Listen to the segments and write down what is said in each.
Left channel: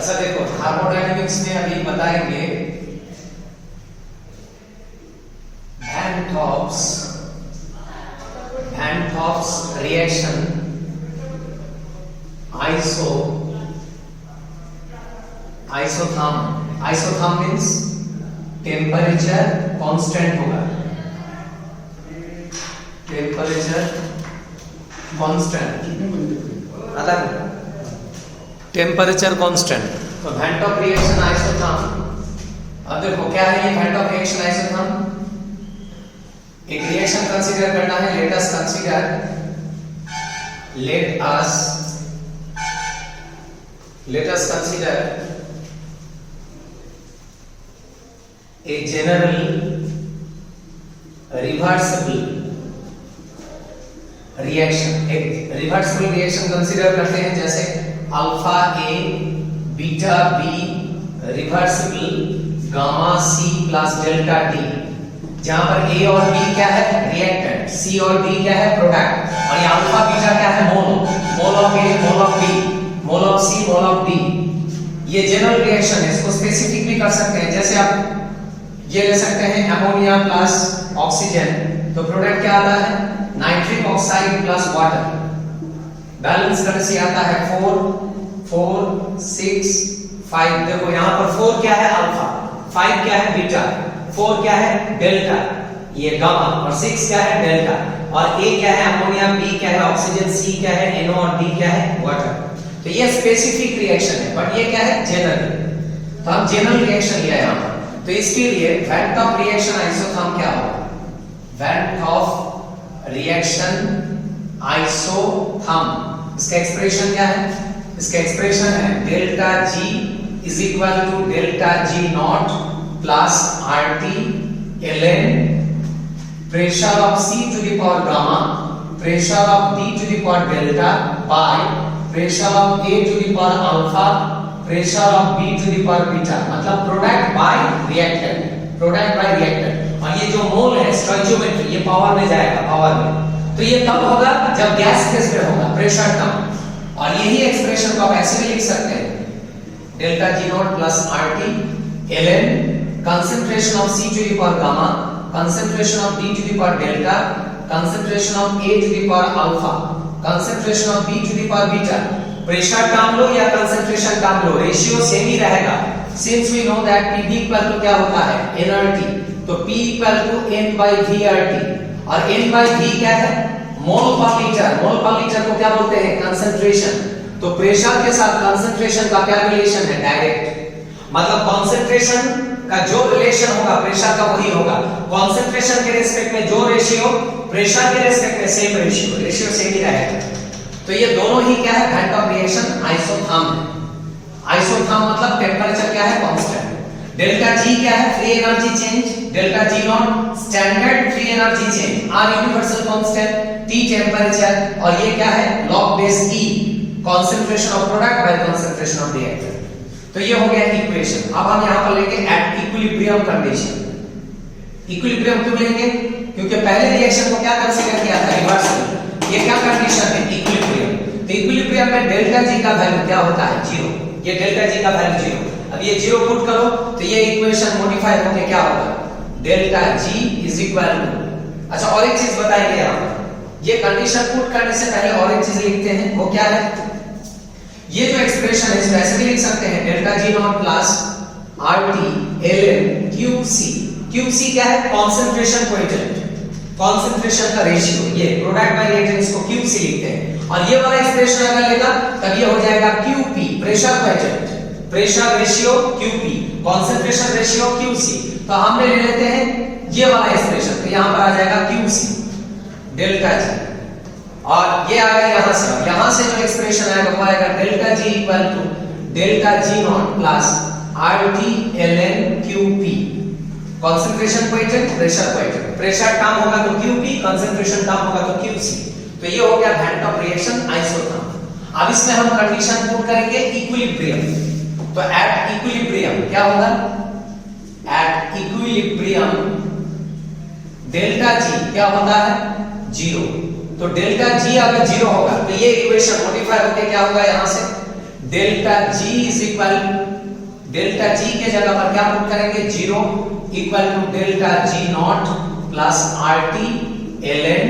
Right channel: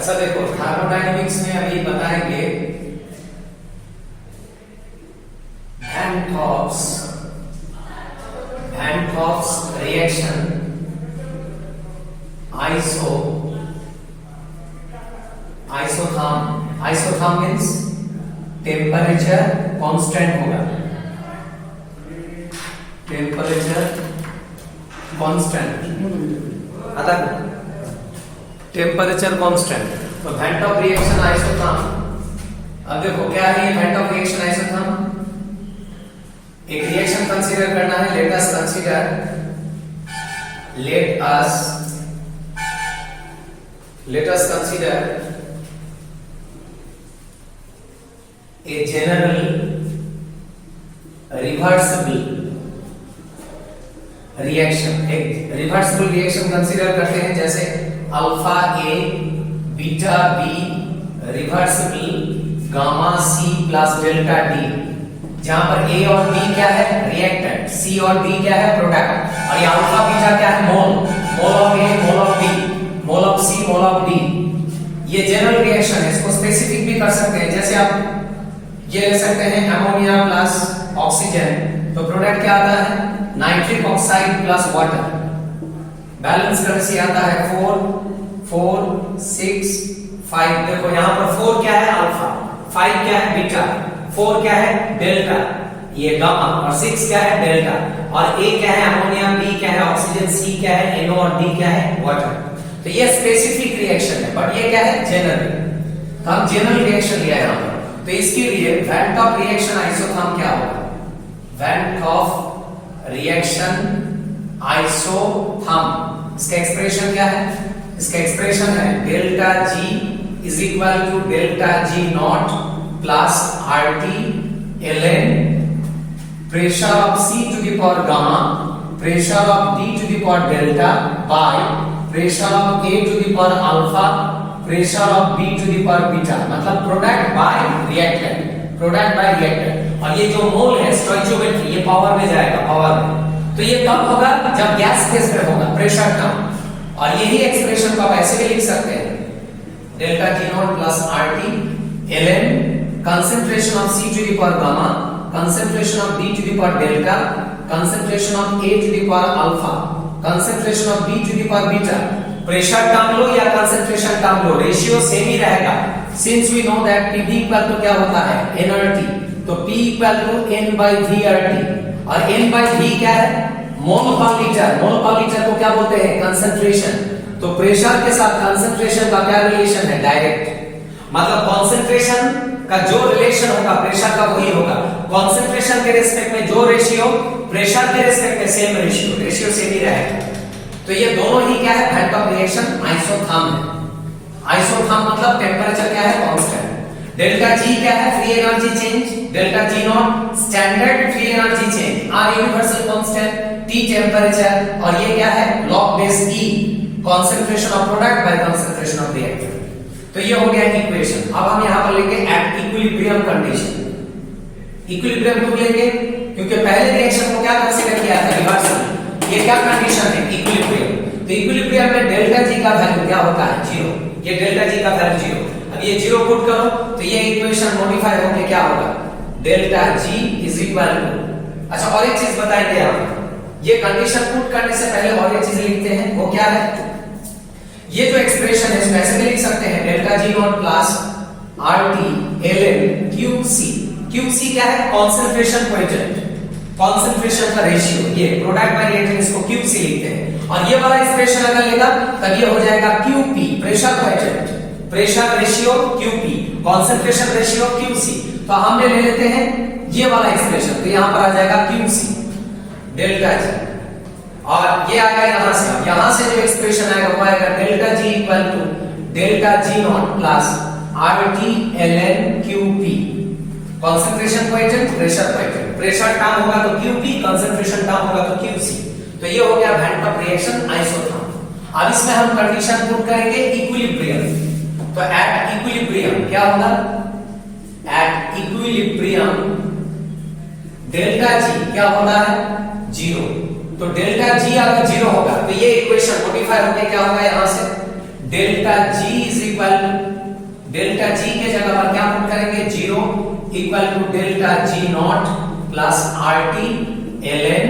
ऐसा देखो थर्मोडायनेमिक्स में अभी बताएंगे Van Hoff's reaction isotherm means temperature constant होगा, टेम्परेचर कांस्टेंट अलग, टेम्परेचर कांस्टेंट। तो Van Hoff रिएक्शन आइसोथर्म, अब देखो क्या है ये Van Hoff रिएक्शन आइसोथर्म। एक रिएक्शन कंसीडर करना है, let us consider a general reversible reaction। एक रिवर्सिबल रिएक्शन कंसीडर करते हैं जैसे alpha A beta B reversible gamma C plus delta D, जहां पर ए और बी क्या है रिएक्टेंट, सी और डी क्या है प्रोडक्ट, और ये अल्फा बीटा क्या है mole of A mole of B mole of C mole of D. ये जनरल रिएक्शन है, इसको स्पेसिफिक भी कर सकते हैं, जैसे आप ये ले सकते हैं अमोनिया प्लस ऑक्सीजन, तो प्रोडक्ट क्या आता है nitric oxide plus water, balance करने से आता है 4 4 6 5। देखो यहां पर 4 क्या है अल्फा, 5 क्या है बीटा, 4 क्या है डेल्टा ये गामा, और 6 क्या है डेल्टा, और ए क्या है अमोनिया, बी क्या है ऑक्सीजन, सी क्या है NO और डी क्या है वाटर। तो ये स्पेसिफिक रिएक्शन है, बट ये क्या है जनरल। तो हम जनरल रिएक्शन लिया यहां पर, तो इसके लिए Van Hoff रिएक्शन आइसोथर्म क्या होगा, Van Hoff रिएक्शन आइसोथर्म। इसका एक्सप्रेशन क्या है, इसका एक्सप्रेशन है delta G is equal to delta G not plus RT ln pressure of C to the power gamma pressure of D to the power delta by pressure of A to the power alpha pressure of B to the power beta, मतलब product by reactant, product by reactant. और ये जो मोल है stoichiometry ये power में जाएगा, power में। तो ये कब होगा जब गैस फेज में होगा, प्रेशर कम। और यही एक्सप्रेशन को आप ऐसे भी लिख सकते हैं delta G not plus RT ln concentration of C to the power gamma concentration of D to the power delta concentration of A to the power alpha concentration of B to the power beta। Pressure term लो या concentration term लो, ratio same ही रहेगा, since we know that P equal to क्या होता है nRT, तो P equal to N/VRT, और N/V क्या है मोल पर लीटर, मोल पर लीटर को क्या बोलते हैं कंसंट्रेशन। तो प्रेशर के साथ कंसंट्रेशन का क्या रिलेशन है डायरेक्ट, मतलब कंसंट्रेशन का जो रिलेशन होगा प्रेशर का वही होगा, कंसंट्रेशन के रिस्पेक्ट में जो रेशियो प्रेशर के रिस्पेक्ट में सेम रेशियो सेम ही रहेगा। तो ये दोनों ही क्या है Van Hoff रिएक्शन आइसोथर्म है। आइसोथर्म मतलब टेम्परेचर क्या है कांस्टेंट, डेल्टा जी क्या है free energy change, delta G not standard free energy change, R universal constant, T temperature, और ये क्या है log base E concentration of product by concentration of reactant. तो ये हो गया इक्वेशन। अब हम यहां पर लेंगे एट इक्विलिब्रियम कंडीशन। इक्विलिब्रियम क्यों लेंगे, क्योंकि पहले रिएक्शन को क्या कंसीडर किया था रिवर्सल, ये क्या कंडीशन है इक्विलिब्रियम। तो इक्विलिब्रियम में डेल्टा जी का वैल्यू क्या होता है 0, ये डेल्टा जी का वैल्यू 0। अब ये 0 पुट करो तो ये इक्वेशन मॉडिफाई होके क्या होगा delta G is equal to, अच्छा और एक चीज बताइए यहां पर, ये कंडीशन पुट करने से पहले और एक चीज लिखते हैं, वो क्या है, ये जो एक्सप्रेशन है इसको ऐसे भी लिख सकते हैं delta G not plus RT ln QC। QC क्या है कंसंट्रेशन कोएफिशिएंट, कंसंट्रेशन का रेशियो, ये प्रोडक्ट बाय रिएक्टेंट इसको QC लिखते हैं। और ये वाला एक्सप्रेशन अगर लेगा तब ये हो जाएगा QP pressure coefficient, pressure ratio QP concentration ratio QC। तो हमने ले लेते हैं ये वाला एक्सप्रेशन, तो यहां पर आ जाएगा QC डेल्टा जी, और ये आएगा यहां से जो एक्सप्रेशन आएगा वो आएगा delta G equal to delta G not plus RT ln QP concentration coefficient pressure coefficient, pressure term होगा तो QP, कंसंट्रेशन टर्म होगा तो QC। तो ये हो गया Van Hoff रिएक्शन आइसोथर्म। अब इसमें हम कंडीशन पुट करेंगे इक्विलिब्रियम। तो एट इक्विलिब्रियम क्या होगा, एट इक्विलिब्रियम डेल्टा जी क्या होता है 0। तो डेल्टा जी अगर 0 होगा तो ये इक्वेशन मॉडिफाई होकर क्या होगा यहां से delta G is equal, delta G के जगह पर क्या पुट करेंगे 0 equal to delta G not plus R T L N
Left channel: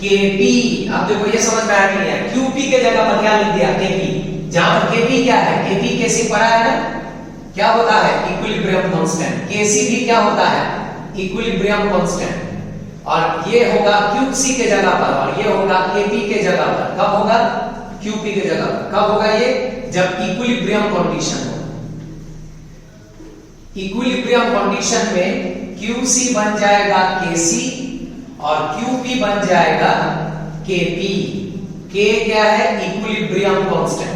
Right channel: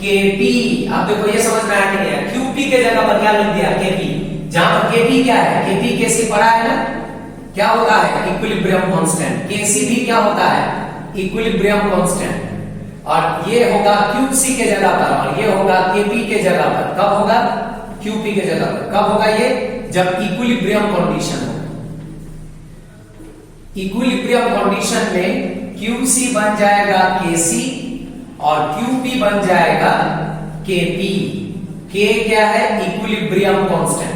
K P. अब देखो ये समझ में आया कि नहीं है, क्यूपी के जगह पर क्या लिख दिया केपी, जहां पर केपी क्या है, केपी कैसे पढ़ा है ना, क्या होता है इक्विलिब्रियम कांस्टेंट, केसी भी क्या होता है इक्विलिब्रियम कांस्टेंट, और ये होगा क्यूसी के जगह पर और ये होगा केपी के जगह पर। कब होगा क्यूपी के जगह पर, कब होगा ये जब इक्विलिब्रियम कंडीशन हो। इक्विलिब्रियम कंडीशन में क्यूसी बन जाएगा केसी और क्यूपी बन जाएगा केपी। के क्या है equilibrium constant,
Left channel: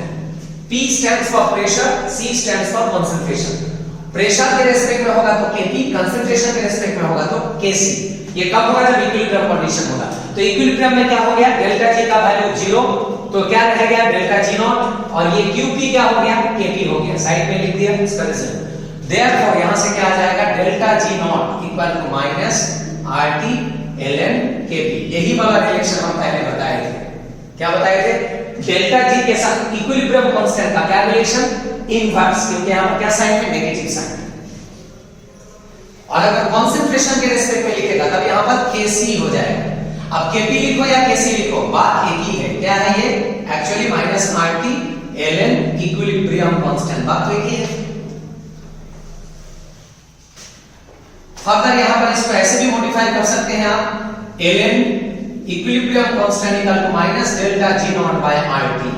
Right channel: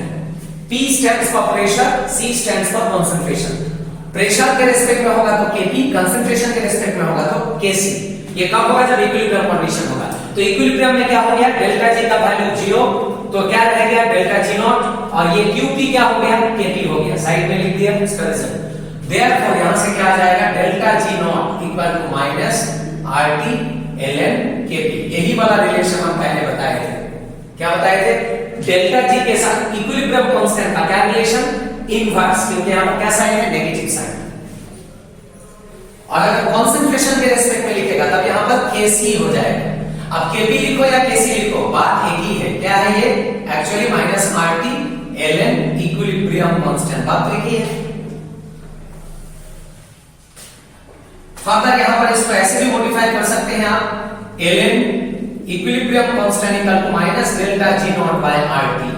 P stands for pressure, C stands for concentration. Pressure के रेस्पेक्ट में होगा तो Kp, कंसंट्रेशन के रेस्पेक्ट में होगा तो Kc। ये कब होगा जब इक्विलिब्रियम कंडीशन होगा। तो इक्विलिब्रियम में क्या हो गया डेल्टा G का वैल्यू 0, तो क्या रह गया डेल्टा G नॉट, और ये Qp क्या हो गया Kp हो गया, साइड में लिख दिया इसका रिजल्ट। देयरफॉर यहां से क्या आ जाएगा delta G not equal to minus RT ln Kp। यही वाला रिलेशन हम पहले बताए थे, क्या बताए थे डेल्टा जी के साथ इक्विलिब्रियम कांस्टेंट का क्या रिलेशन इनवर्स, क्योंकि यहां पर क्या साइन है नेगेटिव साइन। और अगर कंसंट्रेशन के रेस्पेक्ट में लिखेगा तब यहां पर Kc हो जाएगा। अब Kp लिखो या Kc लिखो बात एक ही है, क्या है ये actually minus RT ln equilibrium constant, बात तो एक ही है। फर्दर यहां पर इसको ऐसे भी मॉडिफाई कर सकते हैं आप ln equilibrium constant equal to minus delta G not by RT.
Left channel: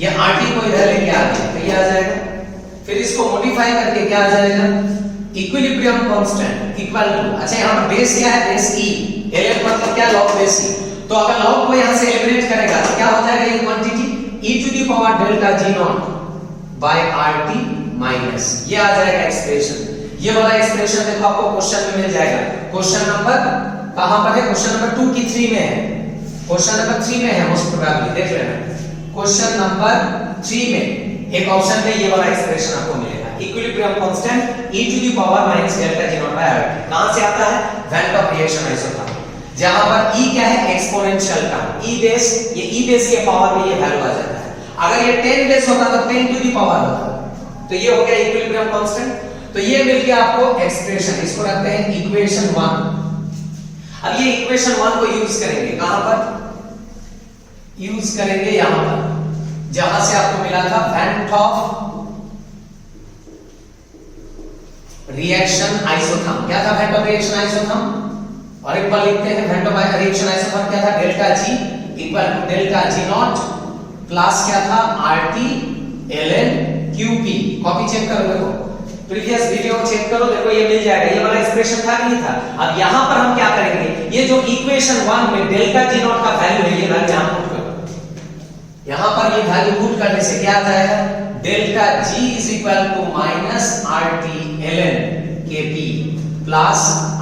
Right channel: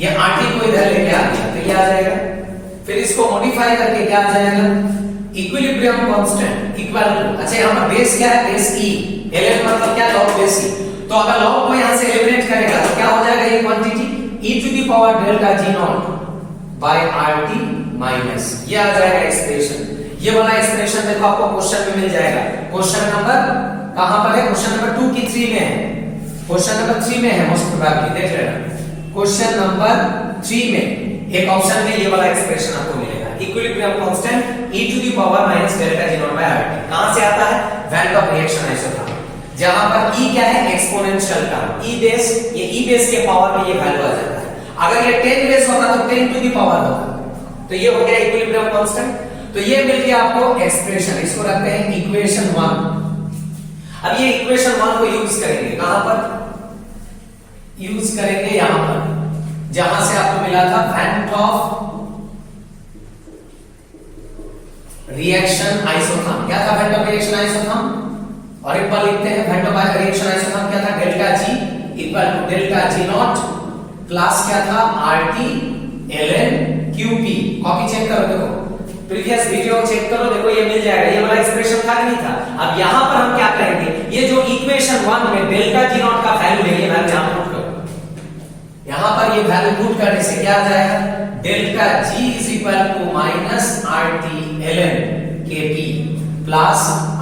ये आरटी को इधर लेके आ गया तो ये आ जाएगा, फिर इसको मॉडिफाई करके क्या आ जाएगा इक्विलिब्रियम कांस्टेंट इक्वल टू, अच्छा यहां पर बेस क्या है बेस ई, ln मतलब क्या लॉग बेस ई, तो अगर लॉग को यहां से एलिमिनेट करेगा तो क्या हो जाएगा ये quantity e to the power delta G not by RT minus, ये आ जाएगा एक्सप्रेशन। ये वाला एक्सप्रेशन देखो आपको क्वेश्चन में मिल जाएगा, क्वेश्चन नंबर कहां पर है क्वेश्चन नंबर 2 की 3 में है, क्वेश्चन नंबर 3 में है मोस्ट प्रोबेबली, देख लेना क्वेश्चन नंबर 3 में एक ऑप्शन में ये वाला एक्सप्रेशन आपको मिलेगा equilibrium constant e to the power minus delta G not by RT. कहां से आता है वैन रिएक्शन आइसोथर्म, जहां पर e क्या है एक्सपोनेंशियल टर्म, e बेस, ये e बेस के पावर में ये वैल्यू आ जाता है। अगर ये 10 बेस होता तो 10 टू द पावर होता, तो ये हो गया इक्विलिब्रियम कांस्टेंट। तो ये मिल गया आपको एक्सप्रेशन, इसको रखते हैं इक्वेशन 1। अब ये इक्वेशन 1 को यूज करेंगे कहां पर यूज करेंगे यहां पर जहां से आपको मिला था वैन टॉप रिएक्शन आइसोथर्म, क्या था वैन टॉप रिएक्शन आइसोथर्म, और एक बार लिखते हैं वैन टॉप रिएक्शन आइसोथर्म क्या था delta G equal to delta G not plus क्या था RT ln QP. Copy check करो, देखो प्रीवियस वीडियो को चेक करो, देखो ये मिल जाएगा, ये वाला एक्सप्रेशन था कि नहीं था। अब यहां पर हम क्या करेंगे, ये जो इक्वेशन 1 में डेल्टा जी नॉट का वैल्यू है ये वैल्यू यहां पुट करो, यहां पर ये वैल्यू पुट करने से क्या आ जाएगा delta G is equal to minus RT ln KP plus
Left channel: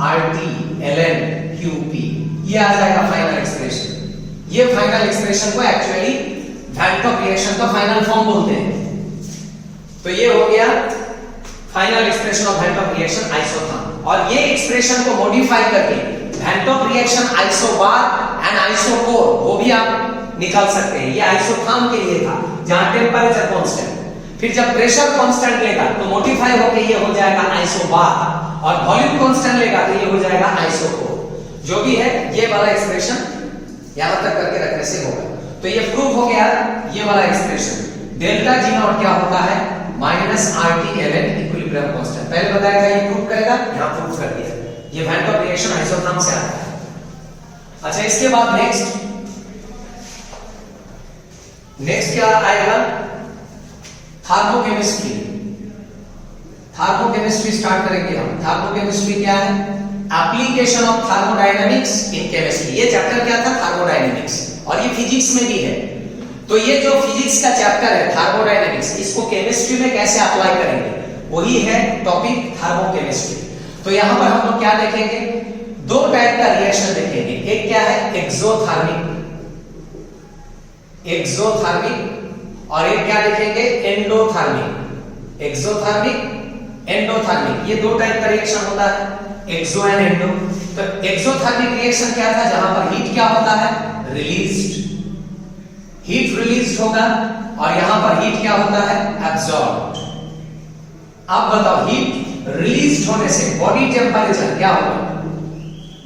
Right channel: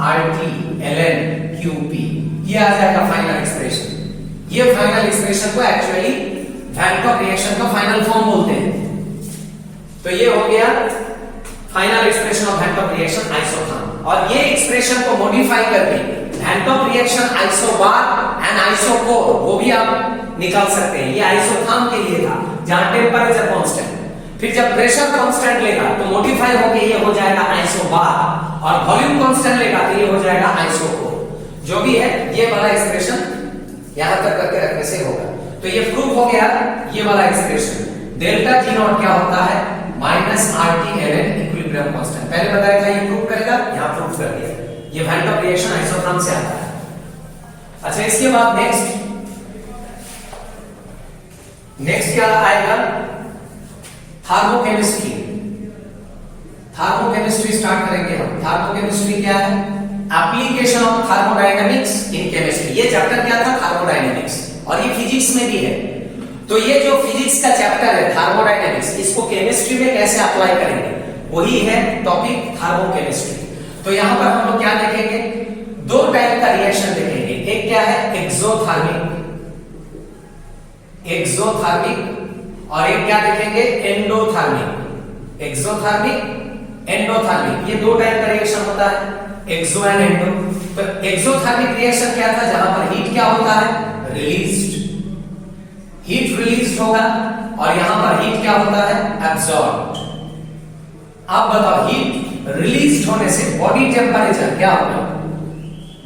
RT ln QP, ये आ जाएगा फाइनल एक्सप्रेशन। ये फाइनल एक्सप्रेशन को एक्चुअली वैन टॉप रिएक्शन का फाइनल फॉर्म बोलते हैं। तो ये हो गया final expression of van't Hoff reaction isotherm, और ये एक्सप्रेशन को मॉडिफाई करके van't Hoff reaction isobar and isochore वो भी आप निकाल सकते हैं। ये आइसोथर्म के लिए था जहां टेम्परेचर कांस्टेंट, फिर जब प्रेशर कांस्टेंट लेगा तो मॉडिफाई होकर ये हो जाएगा आइसोबार, और वॉल्यूम कांस्टेंट लेगा तो ये हो जाएगा आइसोकोर। जो भी है ये वाला एक्सप्रेशन यहां तक करके रखने से होगा। तो ये प्रूव हो गया ये वाला एक्सप्रेशन डेल्टा जी नॉट क्या होता है minus RT ln equilibrium constant. पहले बताया था ये प्रूव करेगा, यहां प्रूव कर दिया, ये वैन टॉप रिएक्शन आइसोथर्म से आता है। अच्छा इसके बाद नेक्स्ट क्या आएगा थर्मोकेमिस्ट्री। थर्मोकेमिस्ट्री स्टार्ट करेंगे हम। थर्मोकेमिस्ट्री क्या है application of thermodynamics in chemistry. ये चैप्टर क्या था थर्मोडायनेमिक्स, और ये फिजिक्स में भी है। तो ये जो फिजिक्स का चैप्टर है थर्मोडायनेमिक्स, इसको केमिस्ट्री में कैसे अप्लाई करेंगे वही है टॉपिक थर्मोकेमिस्ट्री। तो यहां पर हम लोग क्या देखेंगे, दो टाइप का रिएक्शन देखेंगे। एक क्या है एक्सोथर्मिक, और एक क्या देखेंगे एंडोथर्मिक। एक्सोथर्मिक एंडोथर्मिक, ये दो टाइप का रिएक्शन होता है एक्सो एंड एंडो। तो एक्सोथर्मिक रिएक्शन क्या था जहां पर हीट क्या होता है रिलीज्ड, हीट रिलीज होगा, और यहां पर हीट क्या होता है, एब्जॉर्ब। अब बताओ हीट रिलीज होने से बॉडी टेम्परेचर क्या होगा,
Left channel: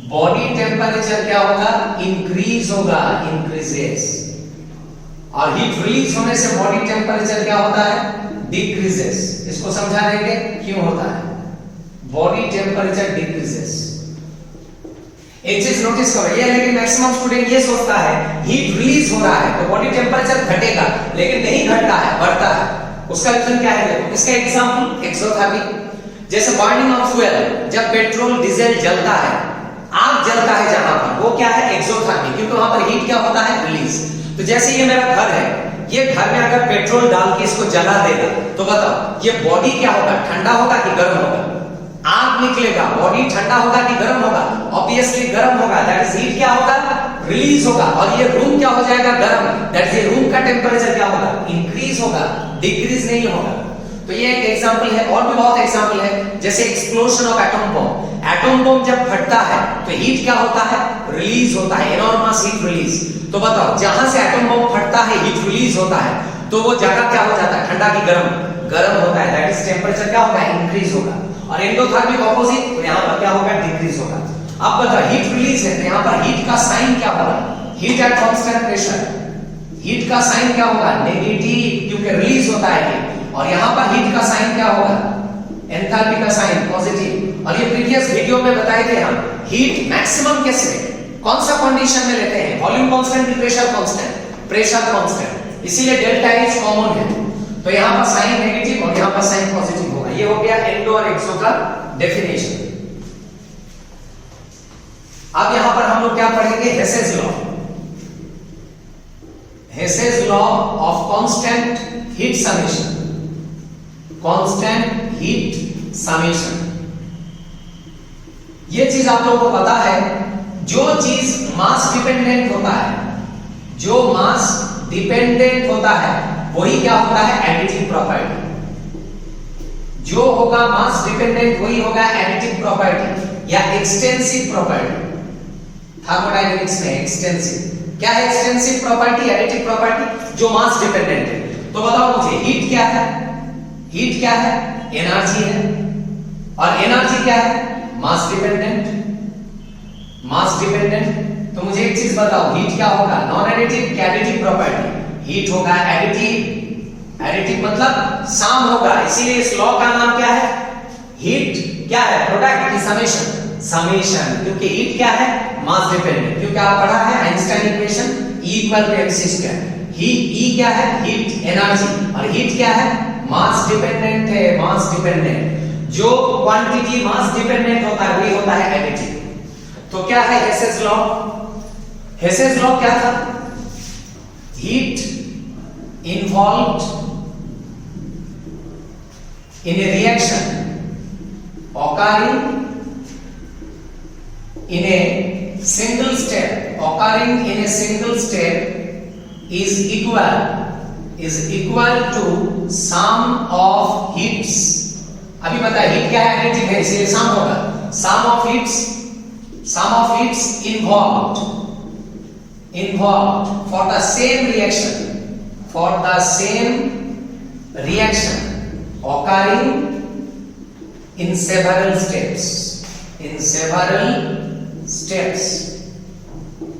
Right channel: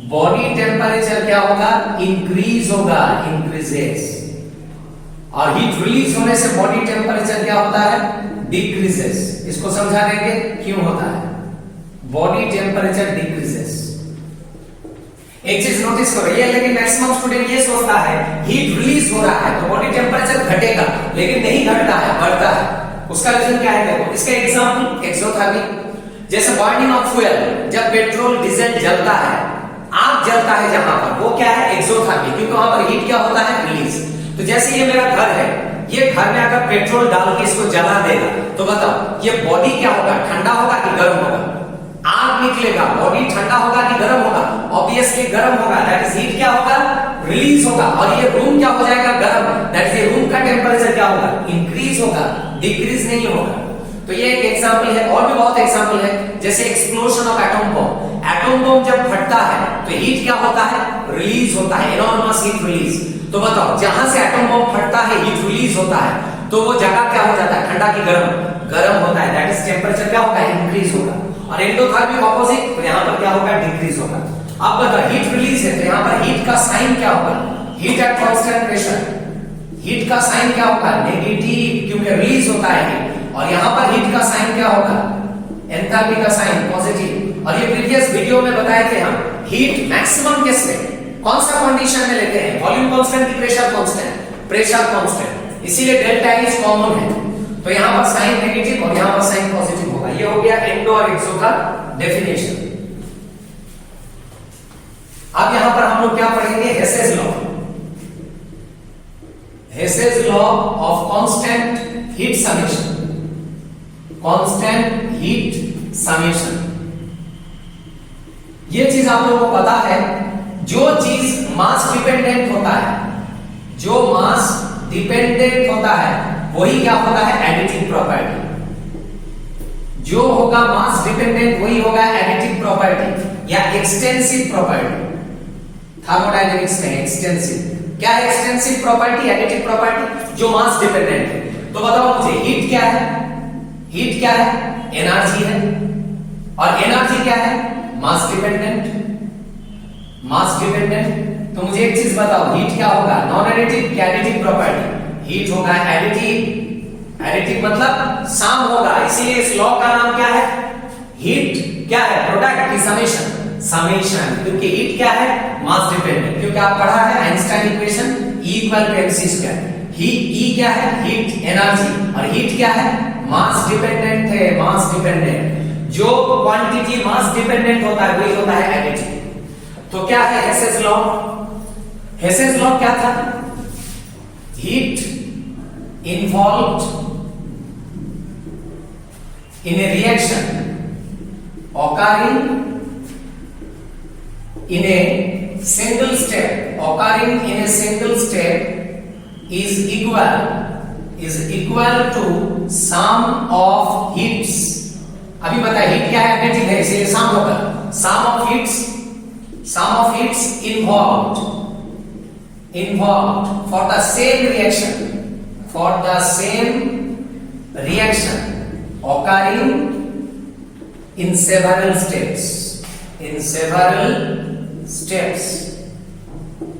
बॉडी टेम्परेचर क्या होगा, इंक्रीज होगा, इंक्रीजेस। और हीट रिलीज होने से बॉडी टेम्परेचर क्या होता है, डिक्रीजेस। इसको समझा देंगे क्यों होता है, बॉडी टेम्परेचर डिक्रीजेस। एक चीज नोटिस करो, ये लेकिन मैक्सिमम स्टूडेंट ये सोचता है हीट रिलीज हो रहा है तो बॉडी टेम्परेचर घटेगा, लेकिन नहीं घटता है, बढ़ता है। उसका रीजन क्या है, देखो इसका एग्जांपल एक्सोथर्मी, जैसे बर्निंग ऑफ फ्यूल, जब पेट्रोल डीजल जलता है, आग जलता है जहां पर, वो क्या है, एक्सोथर्मी, क्योंकि वहां पर हीट क्या होता है, रिलीज। तो जैसे ये मेरा घर है, ये घर में अगर पेट्रोल डाल के इसको जला देगा तो बताओ ये बॉडी क्या होगा, ठंडा होगा कि गर्म होगा, आग निकलेगा, बॉडी ठंडा होगा कि गर्म होगा, ऑब्वियसली गर्म होगा, दैट इज हीट क्या होगा, रिलीज होगा। और ये रूम क्या हो जाएगा, गर्म, दैट इज रूम का टेम्परेचर क्या होगा, इंक्रीज होगा, डिक्रीज नहीं होगा। तो ये एक एग्जांपल है, और भी बहुत एग्जांपल है, जैसे explosion of atom bomb. Atom bomb जब फटता है तो हीट क्या होता है, रिलीज होता है, एनॉर्मस हीट रिलीज। तो बताओ जहां से एटम बॉम्ब फटता है, हीट रिलीज होता है, तो वो जगह क्या हो जाता है, ठंडा की गर्म, गर्म होता है, दैट इज टेम्परेचर क्या होगा, इंक्रीज होगा। और एंडोथर्मिक ऑपोजिट, तो यहां पर क्या होगा, डिक्रीज होगा। अब बताओ हीट रिलीज है तो यहां पर हीट का साइन क्या होगा, heat at constant pressure, heat का साइन क्या होगा, नेगेटिव, क्योंकि रिलीज होता है हीट। और यहां पर हीट का साइन क्या होगा, एंथैल्पी का साइन पॉजिटिव। और ये प्रीवियस वीडियो में बताए थे हम, हीट मैक्सिमम केस में कौन सा कंडीशन में लेते हैं, वॉल्यूम कांस्टेंट की प्रेशर कांस्टेंट, प्रेशर कांस्टेंट, इसीलिए डेल्टा इज कॉमन है। तो यहां पर साइन नेगेटिव और यहां पर साइन पॉजिटिव होगा। ये हो गया एंडो और एक्सो का डेफिनेशन। अब यहां पर हम लोग क्या पढ़ेंगे, Hess's law, Hess's law of constant heat summation, constant heat summation. ये चीज आप लोगों को पता है, जो चीज मास डिपेंडेंट होता है, जो मास डिपेंडेंट होता है वही क्या होता है, एडिटिव प्रॉपर्टी। जो होगा मास डिपेंडेंट वही होगा एडिटिव प्रॉपर्टी या एक्सटेंसिव प्रॉपर्टी। थर्मोडायनेमिक्स में एक्सटेंसिव क्या है, एक्सटेंसिव प्रॉपर्टी, एडिटिव प्रॉपर्टी, जो मास डिपेंडेंट है। तो बताओ मुझे हीट क्या है, हीट क्या है, एनर्जी है, और एनर्जी क्या है, मास डिपेंडेंट, मास डिपेंडेंट। तो मुझे एक चीज बताओ, हीट क्या होगा, नॉन एडिटिव क्या एडिटिव प्रॉपर्टी, हीट होगा एडिटिव, एडिटिव मतलब सम होगा, इसीलिए इस लॉ का नाम क्या है, हीट क्या है, प्रोडक्ट की समेशन, समेशन, क्योंकि हीट क्या है, मास डिपेंडेंट, क्योंकि आप पढ़ा है Einstein equation E equal to mc square. ही क्या है, हीट एनर्जी, और हीट क्या है, मास डिपेंडेंट है, मास डिपेंडेंट। जो क्वांटिटी मास डिपेंडेंट होता है वही होता है एडिटिव। तो क्या है हेसेस लॉ, हेसेस लॉ क्या था, heat involved in a reaction occurring in a single step, occurring in a single step is equal to sum of heats। अभी बताए हीट क्या है, एडिटिव है, इसलिए सम होगा, sum of heats involved for the same reaction occurring in several steps,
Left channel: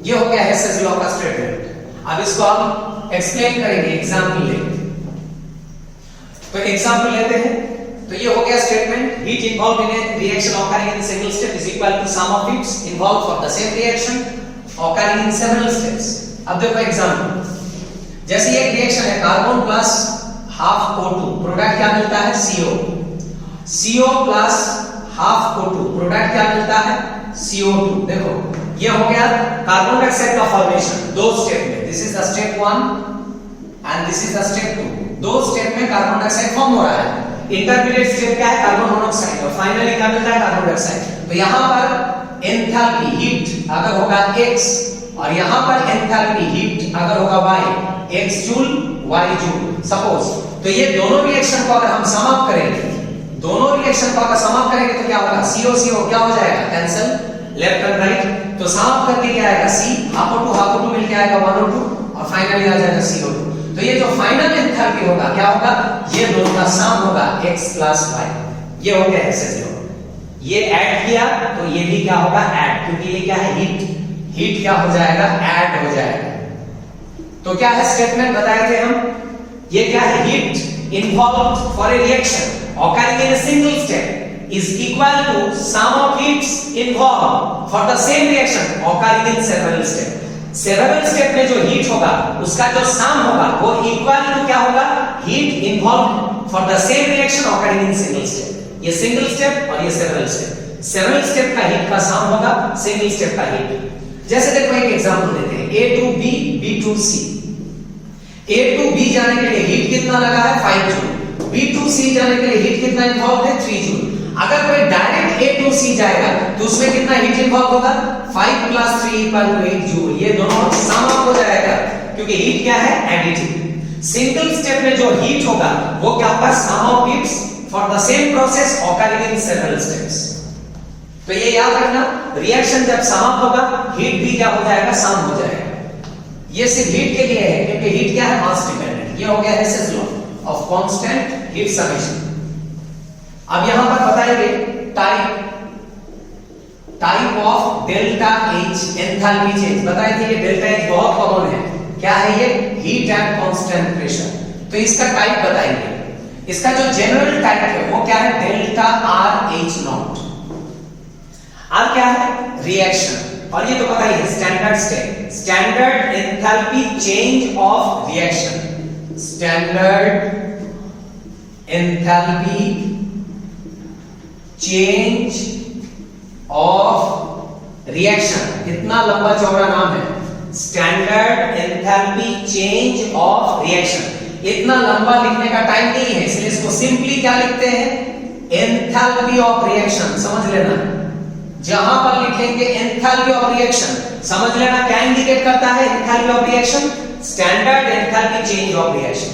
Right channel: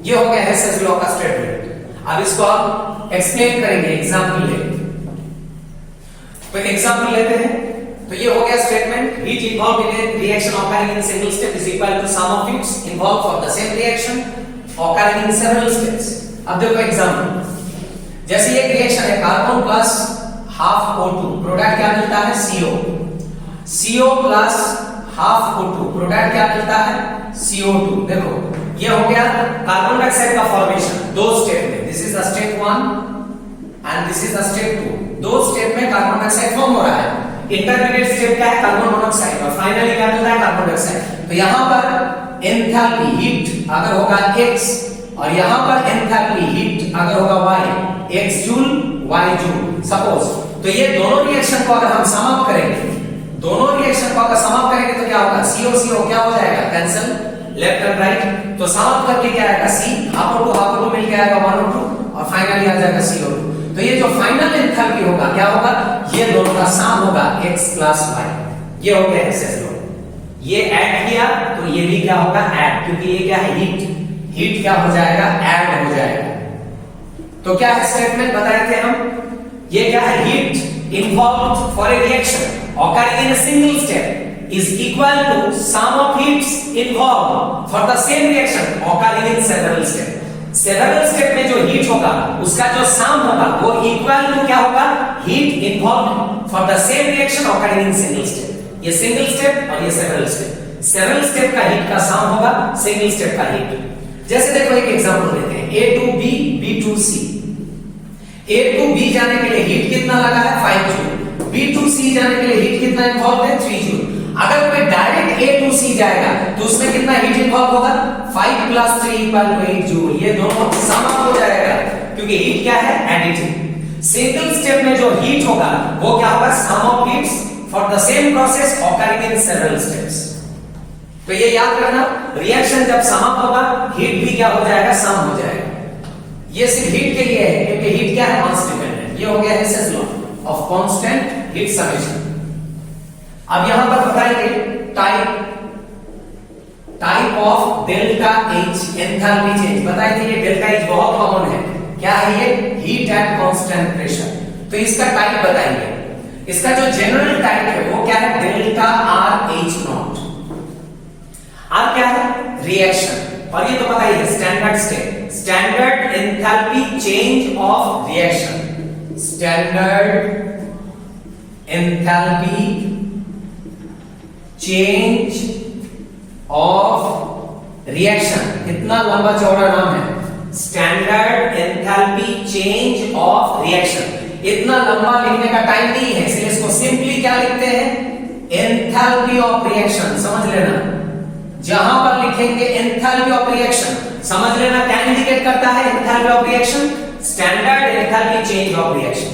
ये हो गया हेसेस लॉ का स्टेटमेंट। अब इसको हम एक्सप्लेन करेंगे एग्जांपल लेके। कोई एग्जांपल लेते हैं, तो ये हो गया statement, heat involve in a reaction occurring in single step is equal to sum of heats involve for the same reaction occurring in several steps. अब देखो एग्जांपल, जैसे ये रिएक्शन है, carbon plus half O2, product क्या मिलता है, CO plus half O2, product क्या मिलता है, CO2। देखो ये हो गया कार्बन डाइऑक्साइड का फॉर्मेशन दो स्टेप में, this is the step 1 and this is the step 2। दो स्टेप में कार्बन डाइऑक्साइड फॉर्म हो रहा है। इंटरमीडिएट स्टेप क्या है, कार्बन मोनोऑक्साइड, और फाइनली क्या मिलता है, कार्बन डाइऑक्साइड। तो यहां पर एंथैल्पी हीट अगर होगा x, और यहां पर एंथैल्पी हीट अगर होगा y, x joule y joule suppose. तो ये दोनों रिएक्शन को अगर हम सम अप करेंगे, दोनों रिएक्शन को अगर सम अप करेंगे तो क्या होगा, CO क्या हो जाएगा, कैंसिल, लेफ्ट एंड राइट। तो सम अप करके क्या आएगा, C हाफ O2 मिल के आएगा 1O2, और फाइनली आ जाएगा CO2। तो ये जो फाइनल एंथैल्पी होगा क्या होगा, ये दोनों का सम होगा x प्लस y। ये हो गया हेसेस लॉ। ये ऐड किया तो ये भी क्या होगा, ऐड, क्योंकि ये क्या है, हीट। हीट क्या हो जाएगा, ऐड हो जाएगा। तो क्या है स्टेटमेंट बताए थे हम, ये क्या है, heat involved for a reaction occurring in a single step is equal to sum of heats involved for the same reaction occurring in several steps। Several step में जो हीट होगा उसका जो सम होगा वो इक्वल टू क्या होगा, heat involved for the same reaction occurring in single step. ये सिंगल स्टेप और ये सेवरल स्टेप। सेवरल स्टेप का हीट का सम होगा सिंगल स्टेप का हीट। जैसे देखो एक एग्जांपल लेते हैं, A to B, B to C। A to B जाने के लिए हीट कितना लगा है, 5 जूल। B to C जाने के लिए हीट कितना इन्वॉल्व है, 3 जूल। अगर कोई डायरेक्ट A to C जाएगा तो उसमें कितना हीट इन्वॉल्व होगा, 5 + 3 = 8 जूल। ये दोनों सम अप हो जाएगा क्योंकि हीट क्या है, एडिटिव। सिंगल स्टेप में जो हीट होगा वो क्या होगा, sum of heats for the same process occurring in several steps. तो ये याद रखना, रिएक्शन जब सम अप होगा हीट भी क्या हो जाएगा, सम हो जाएगा। ये सिर्फ हीट के लिए है क्योंकि हीट क्या है, मास डिपेंडेंट। ये हो गया Hess's law of constant heat summation. अब यहां पर बताएंगे type of delta H enthalpy change. बताए थे ये डेल्टा H बहुत कॉमन है। क्या है ये, हीट एट कांस्टेंट प्रेशर। तो इसका टाइप बताएंगे। इसका जो जनरल टाइप है वो क्या है, डेल्टा RH0। अब क्या है, रिएक्शन। और ये तो पता ही है, standard state, standard enthalpy change of reaction. Standard enthalpy change of reaction. कितना लंबा चौड़ा नाम है, standard enthalpy change of reaction. इतना लंबा लिखने का टाइम नहीं है, इसलिए इसको सिंपली क्या लिखते हैं, एंथैल्पी ऑफ रिएक्शन। समझ लेना, जहां पर लिखेंगे एंथैल्पी ऑफ रिएक्शन, समझ लेना क्या इंडिकेट करता है enthalpy of reaction, standard enthalpy change of reaction.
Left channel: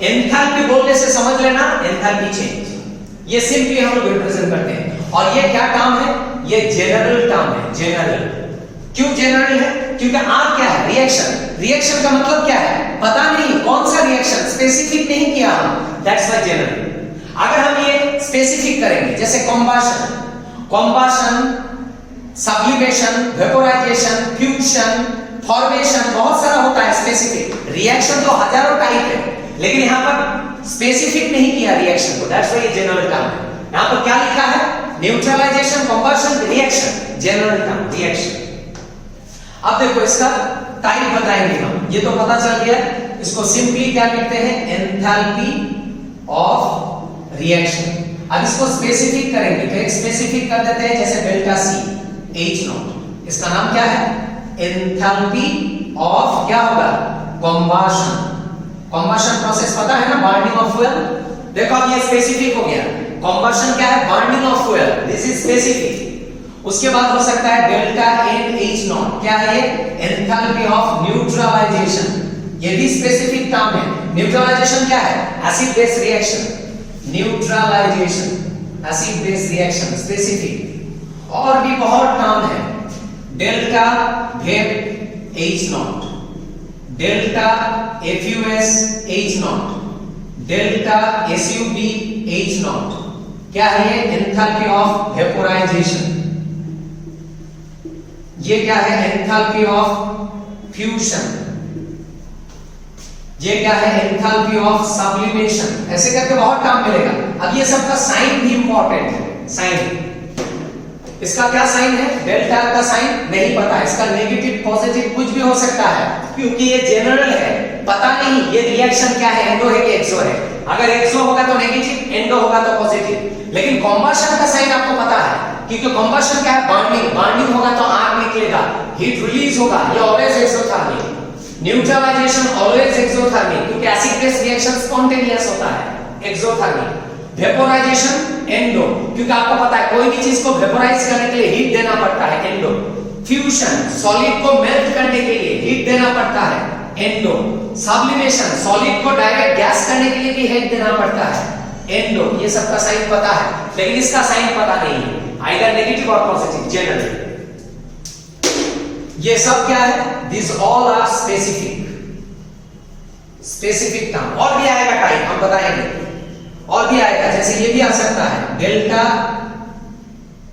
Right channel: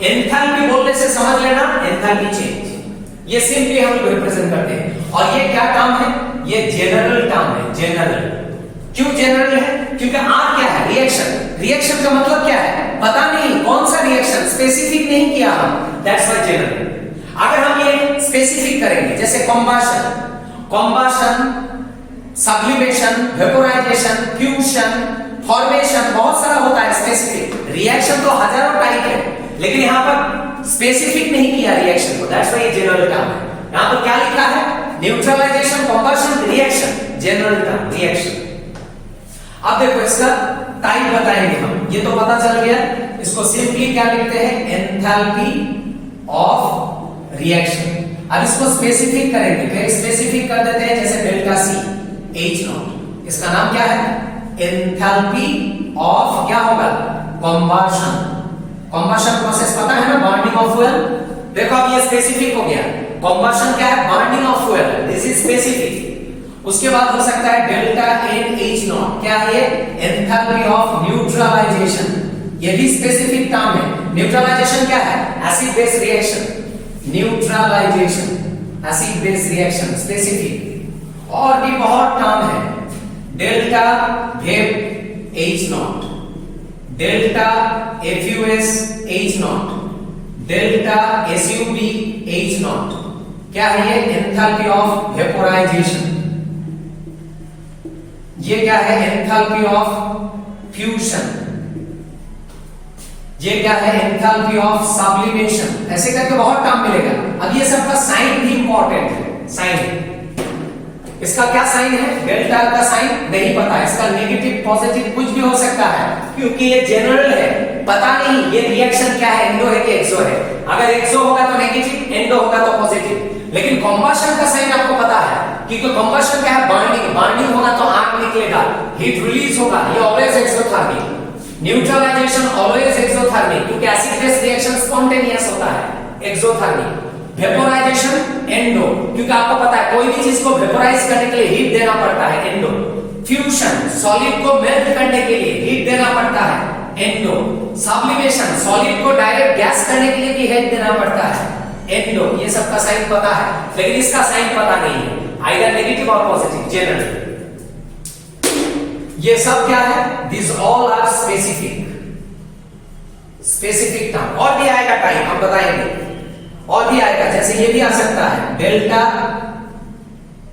Enthalpy बोलने से समझ लेना एंथैल्पी चेंज। ये सिंपली हम लोग रिप्रेजेंट करते हैं। और ये क्या टर्म है, ये जनरल टर्म है, जनरल। क्यों जनरल है, क्योंकि R क्या है, रिएक्शन। रिएक्शन का मतलब क्या है, पता नहीं कौन सा रिएक्शन, स्पेसिफिक नहीं किया हम, दैट्स व्हाई जनरल। अगर हम ये स्पेसिफिक करेंगे, जैसे combustion, sublimation, vaporisation, fusion, formation, बहुत सारा होता है स्पेसिफिक। रिएक्शन तो हजारों टाइप है, लेकिन यहां पर स्पेसिफिक नहीं किया रिएक्शन को, दैट्स व्हाई ये जनरल टर्म है। यहां पर क्या लिखा है, neutralization, combustion, reaction, general term reaction. अब देखो इसका टाइप बताएंगे हम, ये तो पता चल गया। इसको सिंपली क्या लिखते हैं, एंथैल्पी ऑफ रिएक्शन। अब इसको स्पेसिफिक करेंगे, तो एक स्पेसिफिक कर देते हैं, जैसे डेल्टा C H0। इसका नाम क्या है, एंथैल्पी ऑफ क्या होगा, कॉम्बशन। कॉम्बशन प्रोसेस पता है ना, बर्निंग ऑफ फ्यूल। देखो अब ये स्पेसिफिक हो गया, कॉम्बशन क्या है, burning of fuel, this is specific. उसके बाद हो सकता है डेल्टा NH0, क्या है ये, एंथैल्पी ऑफ न्यूट्रलाइजेशन। ये भी स्पेसिफिक टर्म है। न्यूट्रलाइजेशन क्या है, acid base reaction, neutralization, acid base reaction, specific. और भी बहुत टर्म है, delta vap H0, delta FUS H0, delta SUB H0। क्या है ये, एंथैल्पी ऑफ वेपोराइजेशन। ये क्या है, एंथैल्पी ऑफ फ्यूजन। ये क्या है, एंथैल्पी ऑफ सब्लिमेशन। ऐसे करके बहुत टर्म मिलेगा। अब ये सबका साइन भी इंपॉर्टेंट है, साइन। इसका क्या साइन है, डेल्टा का साइन नहीं पता, इसका नेगेटिव पॉजिटिव कुछ भी हो सकता है, क्योंकि ये जनरल है, पता नहीं ये रिएक्शन क्या है, एंडो है कि एक्सो है। अगर एक्सो होगा तो नेगेटिव, एंडो होगा तो पॉजिटिव। लेकिन कॉम्बशन का साइन आपको पता है, क्योंकि कॉम्बशन क्या है, बर्निंग। बर्निंग होगा तो आग निकलेगा, हीट रिलीज होगा, ये always exothermic. Neutralization always exothermic, क्योंकि एसिड बेस रिएक्शन स्पॉन्टेनियस होता है, एक्सोथर्मिक। वेपोराइजेशन एंडो, क्योंकि आपको पता है कोई भी चीज को वेपोराइज करने के लिए हीट देना पड़ता है, एंडो। फ्यूजन, सॉलिड को मेल्ट करने के लिए हीट देना पड़ता है, एंडो। सब्लिमेशन, सॉलिड को डायरेक्ट गैस करने के लिए भी हीट देना पड़ता है, एंडो। ये सबका साइन पता है, लेकिन इसका साइन पता नहीं है, आइदर नेगेटिव और पॉजिटिव, जनरल। ये सब क्या है, this all are specific. Specific term. और भी आएगा टाइप, हम बताएंगे, और भी आएगा, जैसे ये भी आ सकता है डेल्टा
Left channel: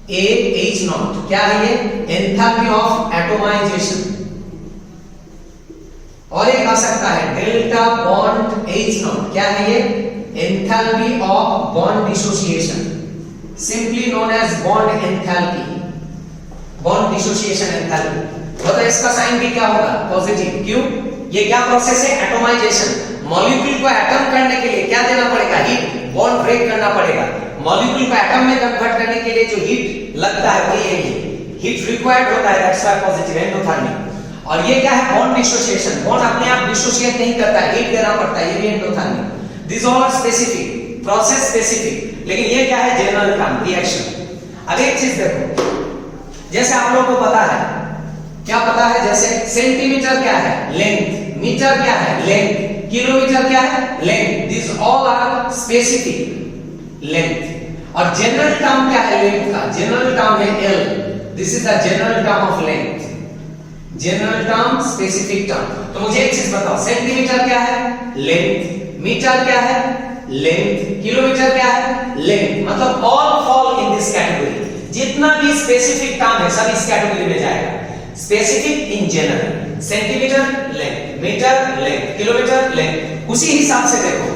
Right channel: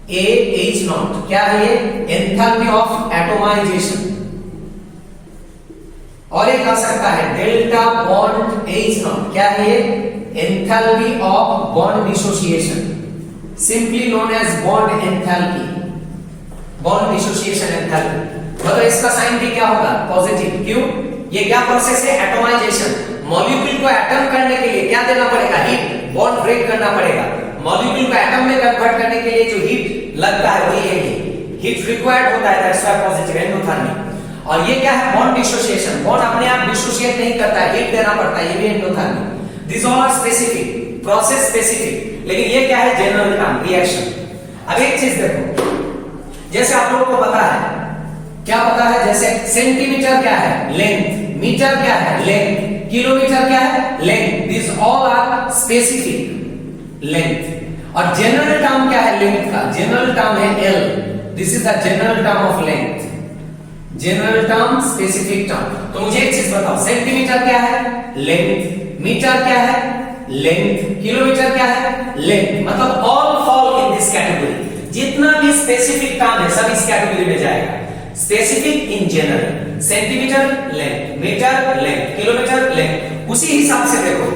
ए एच नॉट, क्या है ये? Enthalpy of atomization. और एक आ सकता है डेल्टा बॉन्ड एच नॉट, क्या है ये? Enthalpy of bond dissociation, simply known as bond enthalpy, bond dissociation enthalpy. तो इसका साइन भी क्या होगा? पॉजिटिव। क्यों? ये क्या प्रोसेस है? एटोमाइजेशन। मॉलिक्यूल को एटम करने के लिए क्या देना पड़ेगा? हीट, बॉन्ड ब्रेक करना पड़ेगा। मॉलिक्यूल को एटम में कन्वर्ट करने के लिए जो हीट लगता है वही है, हीट रिक्वायर्ड होता है, दैट्स व्हाई पॉजिटिव एंडोथर्मी। और ये क्या है? Bond dissociation. बॉन्ड अपने आप डिसोसिएट नहीं करता है, हीट देना पड़ता है, ये भी endothermy. This all are specific, process specific. लेकिन ये क्या है? General term, reaction. अब एक चीज देखो, जैसे आप लोगों को पता है, क्या पता है? जैसे सेंटीमीटर क्या है? लेंथ। मीटर क्या है? लेंथ। किलोमीटर क्या है? Length. This all are specific length. और जनरल टर्म क्या है लेंथ का? जनरल टर्म है L. This is the general term of length. General term, specific term. तो मुझे एक चीज बताओ, सेंटीमीटर क्या है? लेंथ। मीटर क्या है? लेंथ। किलोमीटर क्या है? लेंथ। मतलब all fall in this category. जितना भी स्पेसिफिक टर्म है सब इस कैटेगरी में जाएगा। Specific in general, centimetre length, metre length, kilometre length. उसी हिसाब से देखो,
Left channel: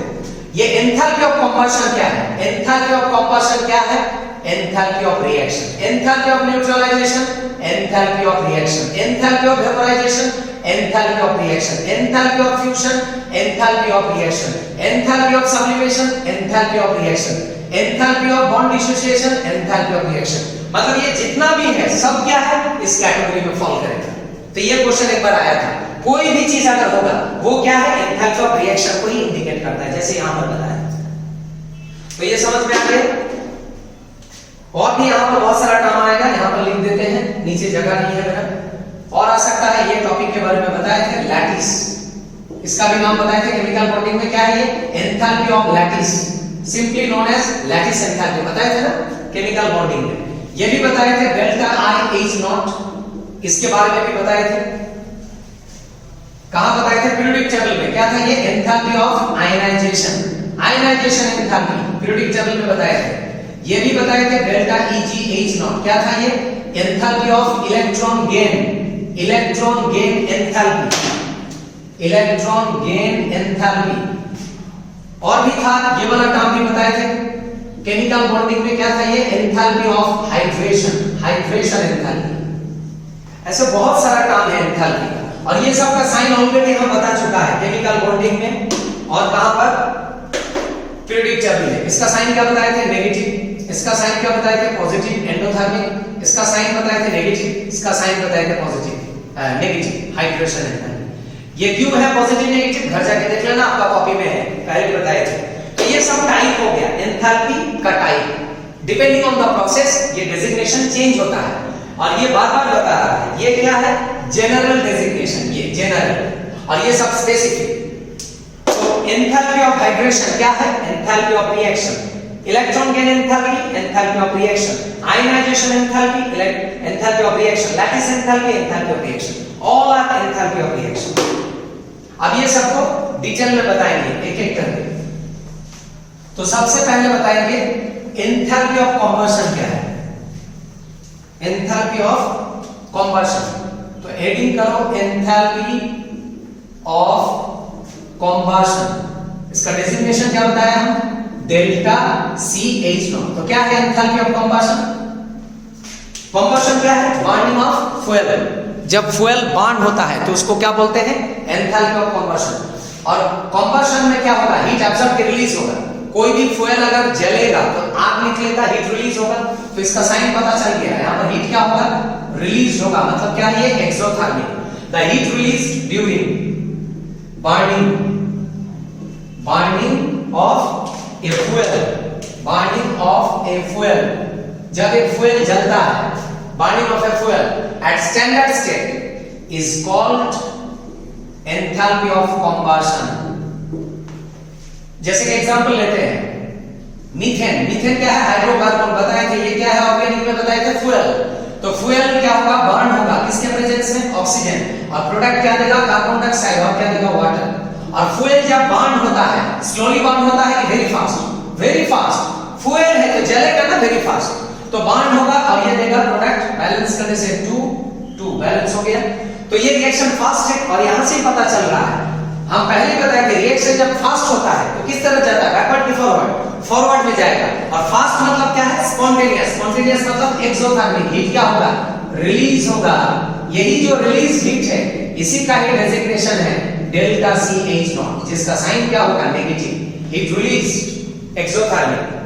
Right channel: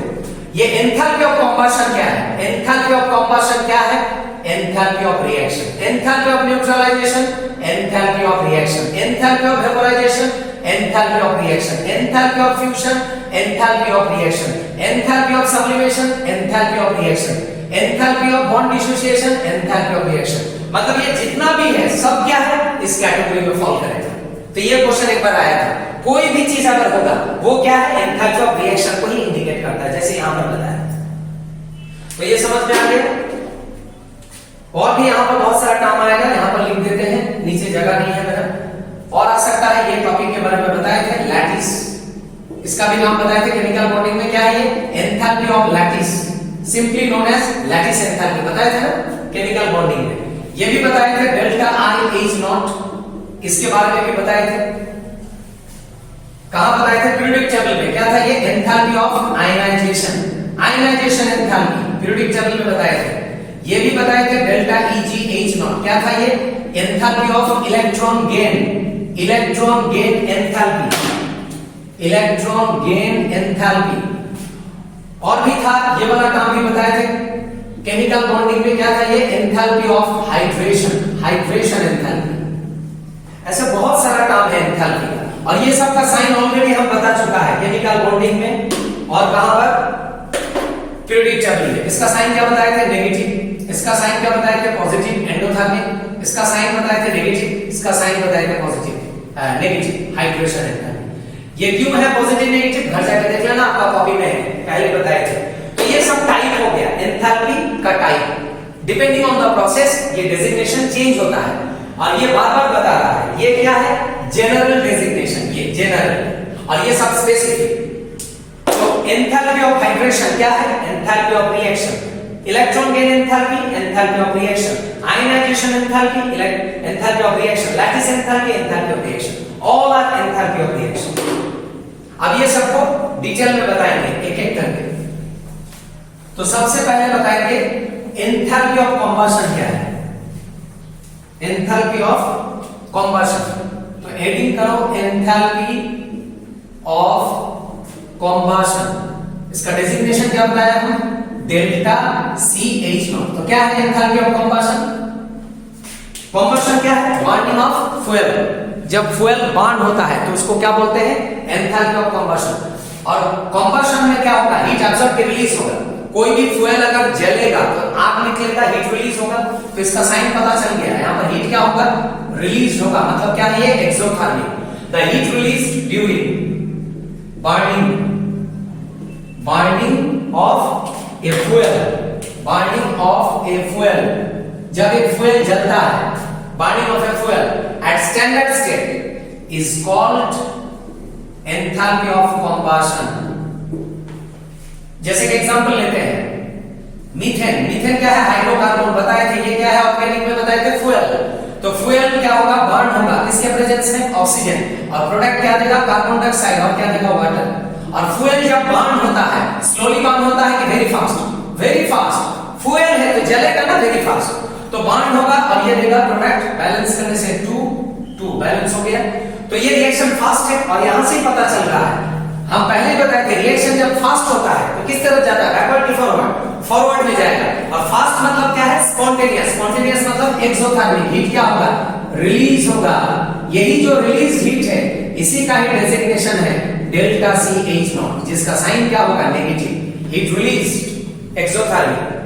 ये एंथैल्पी ऑफ कंबशन क्या है? एंथैल्पी ऑफ कंबशन क्या है? Enthalpy of reaction. Enthalpy of neutralization, enthalpy of reaction. Enthalpy of vaporization, enthalpy of reaction. Enthalpy of fusion, enthalpy of reaction. Enthalpy of sublimation, enthalpy of reaction. Enthalpy of bond dissociation, enthalpy of reaction. मतलब ये जितना भी है सब क्या है? इस category में फॉल करेगा। तो ये क्वेश्चन एक बार आया था, कोई भी चीज अगर होगा वो क्या है? एंथैल्पी ऑफ रिएक्शन को ही इंडिकेट करता है, जैसे यहां पर बताया। तो ये समझ में आ गया? और भी यहां पर बहुत सारा काम आएगा, यहां पर लिख देते हैं, नीचे जगह नहीं है मेरा। और आ सकता है, ये टॉपिक के बारे में बताए थे, लैटिस। इसका भी नाम बताए थे केमिकल बॉन्डिंग में, क्या है ये? Enthalpy of lattice, simply known as lattice enthalpy. बताए थे ना केमिकल बॉन्डिंग में। ये भी बताए थे डेल्टा आई एच नॉट, इसके बारे में भी बताए थे। कहां बताए थे? पीरियोडिक टेबल में। क्या था ये? Enthalpy of ionization, ionization enthalpy periodic table में बताए थे। ये भी बताए थे डेल्टा ईजी एच नॉट, क्या था ये? Enthalpy of electron gain, electron gain enthalpy, electron gain enthalpy. और भी था, ये वाला काम भी बताए थे केमिकल बॉन्डिंग में। क्या था ये? Enthalpy of hydration, hydration enthalpy. ऐसे बहुत सारा काम है एंथैल्पी का, और ये सब का साइन ऑलरेडी हम बता चुका है केमिकल बॉन्डिंग में। और कहां पर? पीरियोडिक टेबल में। इसका साइन क्या बताए थे? नेगेटिव। इसका साइन क्या बताए थे? Positive, endothermic. इसका साइन बताए थे नेगेटिव, इसका साइन बताए थे पॉजिटिव, नेगेटिव, हाइड्रेशन एंथैल्पी। ये क्यों है पॉजिटिव नेगेटिव? घर जाके देख लेना, आपका कॉपी में है, पहले बताए थे। तो ये सब टाइप हो गया एंथैल्पी का type. Depending on the process ये डेजिग्नेशन चेंज होता है, और ये बार बार बता रहा है। ये क्या है? जनरल डेजिग्नेशन, ये जनरल, और ये सब स्पेसिफिक। तो एंथैल्पी ऑफ हाइड्रेशन क्या है? Enthalpy of reaction. Electron gain enthalpy, enthalpy of reaction. Ionization enthalpy, enthalpy of reaction. Lattice enthalpy, enthalpy of reaction. All are enthalpy of reaction. अब ये सबको डिटेल में बताएंगे एक एक करके। तो सबसे पहले बताएंगे एंथैल्पी ऑफ कंबशन क्या है? Enthalpy of combustion. तो हेडिंग करो एंथैल्पी ऑफ कंबशन। इसका डेजिग्नेशन क्या बताया हम? Delta C H not. तो क्या है एंथैल्पी ऑफ कंबशन? कंबशन क्या है? Burning of fuel. जब फ्यूल बर्न होता है तो उसको क्या बोलते हैं? Enthalpy of combustion. और कंबशन में क्या होगा? हीट एब्सॉर्ब के रिलीज होगा। कोई भी फ्यूल अगर जलेगा तो आग निकलेगा, हीट रिलीज होगा। तो इसका साइन पता चल गया, यहाँ पर हीट क्या होगा? रिलीज होगा। मतलब क्या है? Exothermic. The heat release during burning of a fuel, जब एक fuel जलता है, burning of a fuel at standard state is called enthalpy of combustion। जैसे कि एग्जांपल लेते हैं मीथेन। मीथेन क्या है? हाइड्रोकार्बन। बताए थे ये क्या है? ऑर्गेनिक में बताए थे फ्यूल। तो फ्यूल क्या होगा? बर्न होगा, किसके प्रेजेंस में? ऑक्सीजन। और प्रोडक्ट क्या देगा? Carbon dioxide. और क्या देगा? वाटर। और फ्यूल जब बर्न होता है, स्लोली बर्न होता है कि very fast? Very fast. Fuel है तो जलेगा ना वेरी फास्ट, तो बर्न होगा और ये देगा प्रोडक्ट। बैलेंस करने से 2 2 बैलेंस हो गया। तो ये रिएक्शन फास्ट है और यहां से ही पता चल रहा है, हम पहले बताया कि रिएक्शन जब फास्ट होता है तो किस तरह जाता है? बैकवर्ड की फॉरवर्ड? फॉरवर्ड में जाएगा। और फास्ट मतलब क्या है? स्पॉन्टेनियस। स्पॉन्टेनियस मतलब एक्सोथर्मिक, हीट क्या होगा? रिलीज होगा। यही जो रिलीज हीट है इसी का ही डेजिग्नेशन है डेल्टा सी एच नॉट, जिसका साइन क्या होगा? Negative. Heat release exothermic.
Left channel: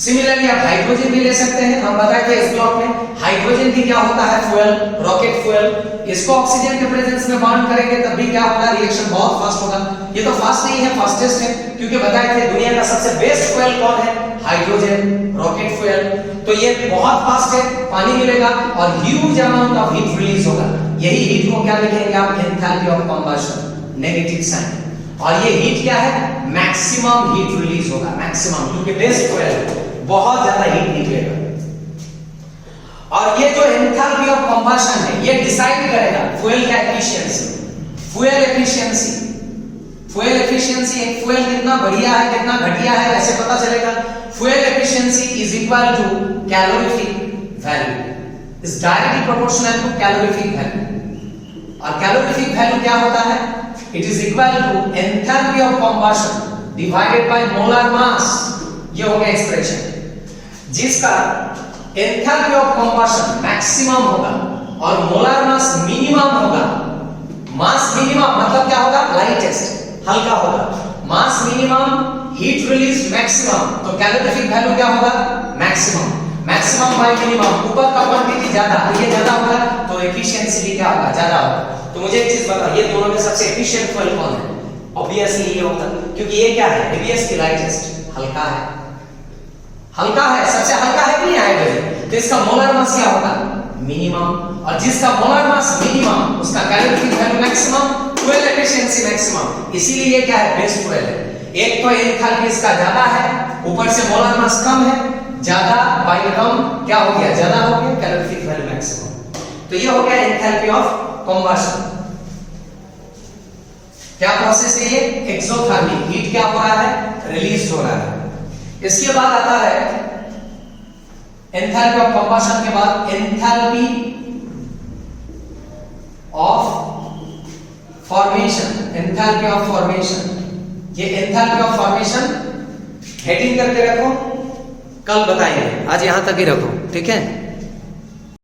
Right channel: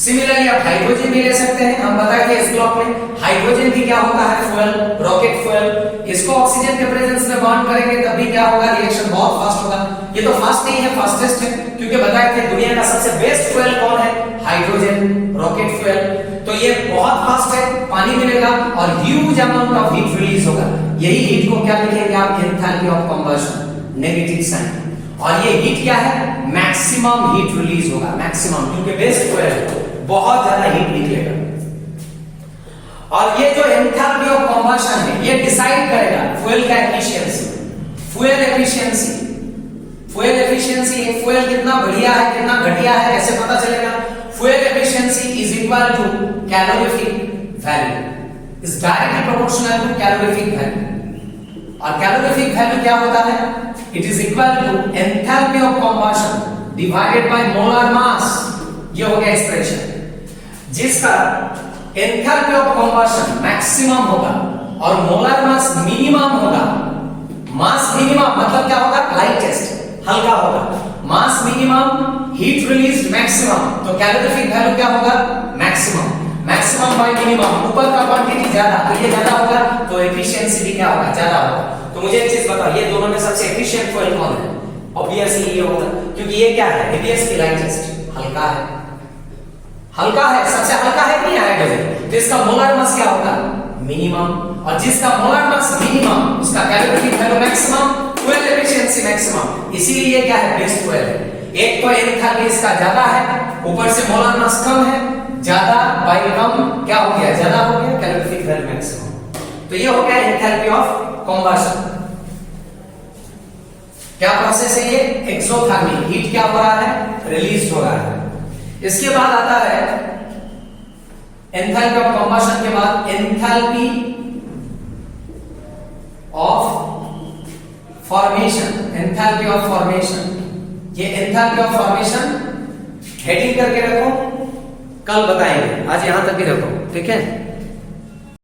Similarly आप हाइड्रोजन भी ले सकते हैं। हम बताए थे इस ब्लॉक में हाइड्रोजन भी क्या होता है? Fuel, rocket fuel. इसको ऑक्सीजन के प्रेजेंस में बॉन्ड करेंगे तब भी क्या होगा? रिएक्शन बहुत फास्ट होगा। ये तो फास्ट नहीं है, फास्टेस्ट है, क्योंकि बताए थे दुनिया का सबसे बेस्ट फ्यूल कौन है? Hydrogen, rocket fuel. तो ये बहुत फास्ट है, पानी मिलेगा और huge amount of heat release होगा। यही हीट को क्या लिखेंगे आप? Enthalpy of combustion, negative sign. और ये हीट क्या है? मैक्सिमम हीट रिलीज होगा, मैक्सिमम, क्योंकि बेस्ट फ्यूल है, बहुत ज्यादा हीट निकलेगा। और ये जो एंथैल्पी ऑफ कंबशन है ये डिसाइड करेगा फ्यूल का efficiency. Fuel efficiency, fuel efficiency, एक फ्यूल कितना बढ़िया है कितना घटिया है ऐसे पता चलेगा। Fuel efficiency is equal to calorific value, is directly proportional to calorific value. और कैलोरीफिक वैल्यू क्या होता है? It is equal to enthalpy of combustion divided by molar mass. ये हो गया एक्सप्रेशन, जिसका एंथैल्पी ऑफ कंबशन मैक्सिमम होगा और मोलर मास मिनिमम होगा। मास मिनिमम मतलब क्या होगा? लाइटेस्ट, हल्का होगा। मास मिनिमम, हीट रिलीज्ड मैक्सिमम, तो कैलोरीफिक वैल्यू क्या होगा? मैक्सिमम। मैक्सिमम बाय मिनिमम, ऊपर का क्वांटिटी ज्यादा तो ये ज्यादा होगा, तो एफिशिएंसी भी क्या होगा? ज्यादा होगा। तो मुझे एक चीज बताओ, ये दोनों में सबसे एफिशिएंट फ्यूल कौन है? ऑब्वियसली ये होगा, क्योंकि ये क्या है? हेवीएस्ट की लाइटेस्ट, हल्का है। हल्का है, सबसे हल्का है कि हाइड्रोजन, तो इसका मोलर मास क्या होगा? मिनिमम। और जिसका मोलर मास मिनिमम उसका calorific value maximum, fuel efficiency maximum. इसीलिए क्या है? बेस्ट फ्यूल है। एक तो एंथैल्पी इसका ज्यादा है, ऊपर से मोलर मास कम है, ज्यादा बाय कम क्या हो गया? ज्यादा हो गया, कैलोरीफिक वैल्यू मैक्सिमम। तो ये हो गया एंथैल्पी ऑफ कंबशन। क्या प्रोसेस है ये? एक्सोथर्मिक, हीट क्या हो रहा है? रिलीज हो रहा है। इसके बाद आता है एंथैल्पी ऑफ कंबशन के बाद enthalpy of formation. Enthalpy of formation, ये एंथैल्पी ऑफ फॉर्मेशन हेडिंग करके रखो, कल बताएंगे, आज यहां तक ही रखो, ठीक है।